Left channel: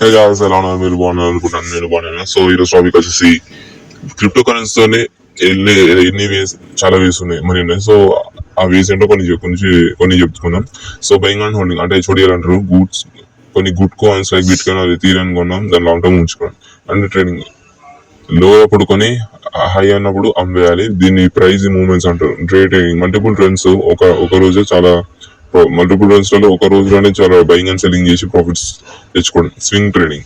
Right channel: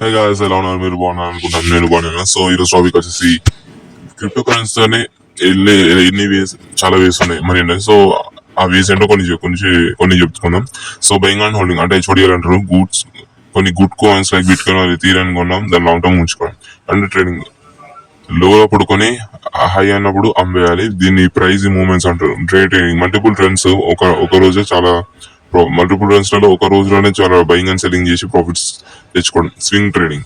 Hey guys, ఎలా ఉన్నారు? మీరు బాగున్నారు అనుకుంటాను. నేను బాగున్నాను. సో ఈరోజు టాపిక్ వచ్చేసి క్రిప్టో కరెన్సీ అని వెళ్ళే ఎన్ని వేస్, చాలా వేస్ ఉన్నాయి మరి. సో ఆ వేస్ ఏంటో కొన్ని చెప్పుకున్నాం. సో బయింగ్ అండ్ హోల్డింగ్ అంటే HODL అంటారు. కొన్ని good coins like bit coin అది తీరని కొన్నాం, దాని లాంగ్ టర్మ్ ఉంచుకోవడం. అండ్ ట్రేడింగ్ లో అప్పుడు కొని హై అన్నప్పుడు అమ్మేయాలి. దీన్ని ప్రైజ్ మూవ్మెంట్స్ అంటారు. ట్రేడింగ్ మల్టిపుల్ ట్రెండ్స్ ఒక రోజే చాలా మల్టిపుల్ ట్రెండ్స్ లలో ఒక రోజులోనే చాలా బయింగ్ అండ్ సెల్లింగ్ చేసి ప్రాఫిట్స్ తెచ్చుకోవడం. స్వింగ్ ట్రేడింగ్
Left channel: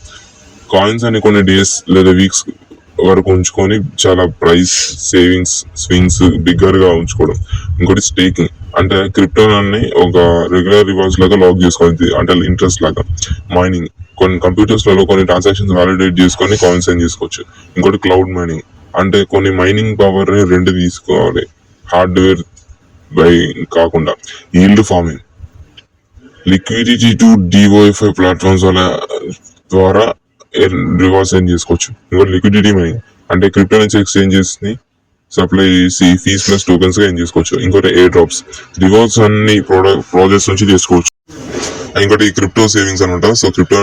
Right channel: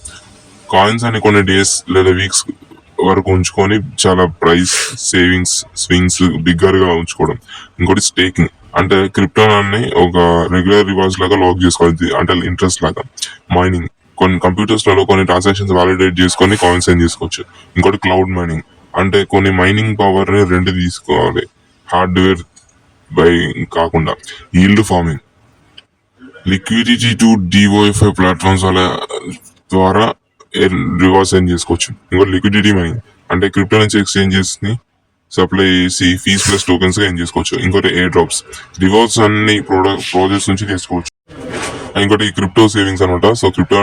కాయిన్స్ అని కొన్ని డేస్ లేదా వీక్స్ వరకు ఉంచుకొని చాలా ప్రైస్ స్వింగ్స్ బిగ్గర్ గా ఉంచుకోవడం. ఇంకోటి స్టేకింగ్ అంటే క్రిప్టో అన్ని ఒక రెగ్యులర్ రివార్డ్స్ లాగా లాక్ చేసుకోవాలి, అంటే ఇంట్రెస్ట్ లాగా. మైనింగ్ కొన్ని కంప్యూటర్స్ లలో కొన్ని ట్రాన్సాక్షన్స్ వాలిడేట్ చేసుకొని కాయిన్స్ ఏం చేసుకోవచ్చు. ఇంకోటి క్లౌడ్ మైనింగ్ అంటే కొన్ని మైనింగ్ పవర్ ని రెంట్ తీసుకోవాలి, హార్డ్వేర్ బై కాకుండా. Yield farming liquidity to DeFi platforms వల్ల ద్వారా రివార్డ్స్ ఏం చేసుకోవచ్చు. ఇంకోటి లిక్విడిటీ మైనింగ్ అంటే క్రిప్టో నుంచి ఎక్స్చేంజెస్ ని సప్లై చేసి ఫీస్ ప్లస్ టోకెన్స్ ఏం చేసుకోవచ్చు. ఇంకోటి ఎయిర్ డ్రాప్స్ రివార్డ్స్ అన్ని ప్రాజెక్ట్స్ నుంచి చేసుకోవచ్చు. ఇంకోటి క్రిప్టో సేవింగ్స్ అనమాట. సో క్రిప్టో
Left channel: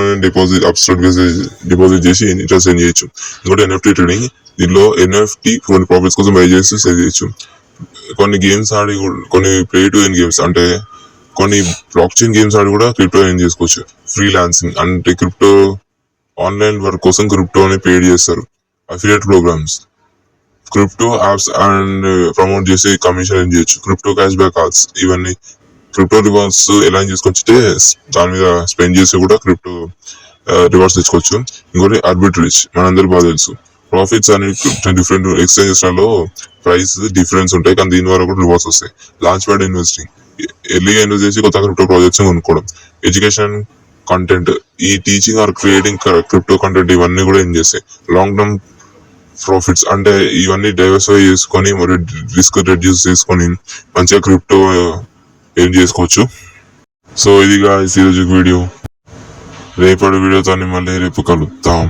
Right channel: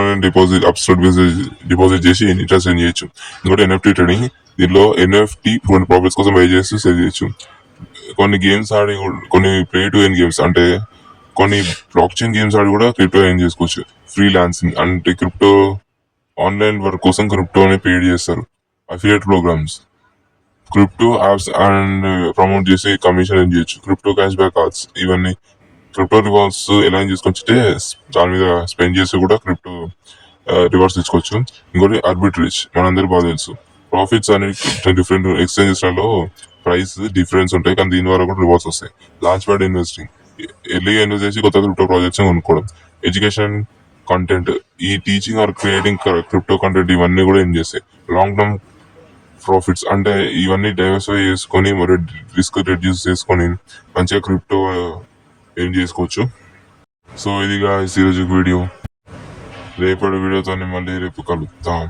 డిపాజిట్ చేసి ఇంట్రెస్ట్ ఏం చేయొచ్చు. ఇంకోటి NFT ట్రేడింగ్, దీనిలో NFT కొన్ని ప్రాఫిట్స్ కోసం పే చేసి సేవ్ చేయొచ్చు. కొన్ని గేమ్స్ ఆడి కొన్ని ప్లే టు ఎర్న్ గేమ్స్ అంటే కొన్ని బ్లాక్ చైన్ గేమ్స్ ఆడి కూడా క్రిప్టో ఏం చేసుకోవచ్చు. ఫ్రీలాన్సింగ్ అంటే క్రిప్టో ఆన్లైన్ వర్క్ కోసం క్రిప్టోని పేడ్ చేస్తారు. Affiliate programs crypto apps and promote చేసి కమిషన్ ఏం చేయొచ్చు. క్రిప్టో క్యాష్ బ్యాక్ కార్డ్స్ ఇవన్నీ క్రిప్టో రివార్డ్స్ ఎలా చేసుకోవచ్చు, దాని మీద స్పెండ్ చేసి కూడా క్రిప్టో రివార్డ్స్ తెచ్చుకోవచ్చు. ఇంకోటి ఆర్బిట్రేజ్ మనందరికి బాగా తెలుసు. ప్రాఫిట్స్ అని డిఫరెంట్ ఎక్స్చేంజెస్ లలో ప్రైస్ డిఫరెన్స్ ఉంటాయి, కానీ దీని ద్వారా కూడా రివార్డ్స్ వస్తాయి. లాంచ్ ప్యాడ్ ఇన్వెస్టింగ్ ఎర్లీగా ఇన్వెస్ట్ చేసి కొత్త క్రిప్టో ప్రాజెక్ట్స్ కొనుక్కోవడం. ఎడ్యుకేషన్ కంటెంట్ ఈ teaching or creating crypto content ఇవన్నీ కూడా ఏం చేస్తాయి. లాంగ్ టర్మ్ ప్రాఫిట్స్ అంటే ఇవన్నీ డైవర్సిఫై చేసుకొని రిస్క్ రెడ్యూస్ చేసుకొని మంచిగా క్రిప్టో ఏం చేసుకోవచ్చు. సో ఇదిగా ఈరోజు వీడియో. రేపటి వీడియోతో మళ్ళీ రేపు కలుద్దాం.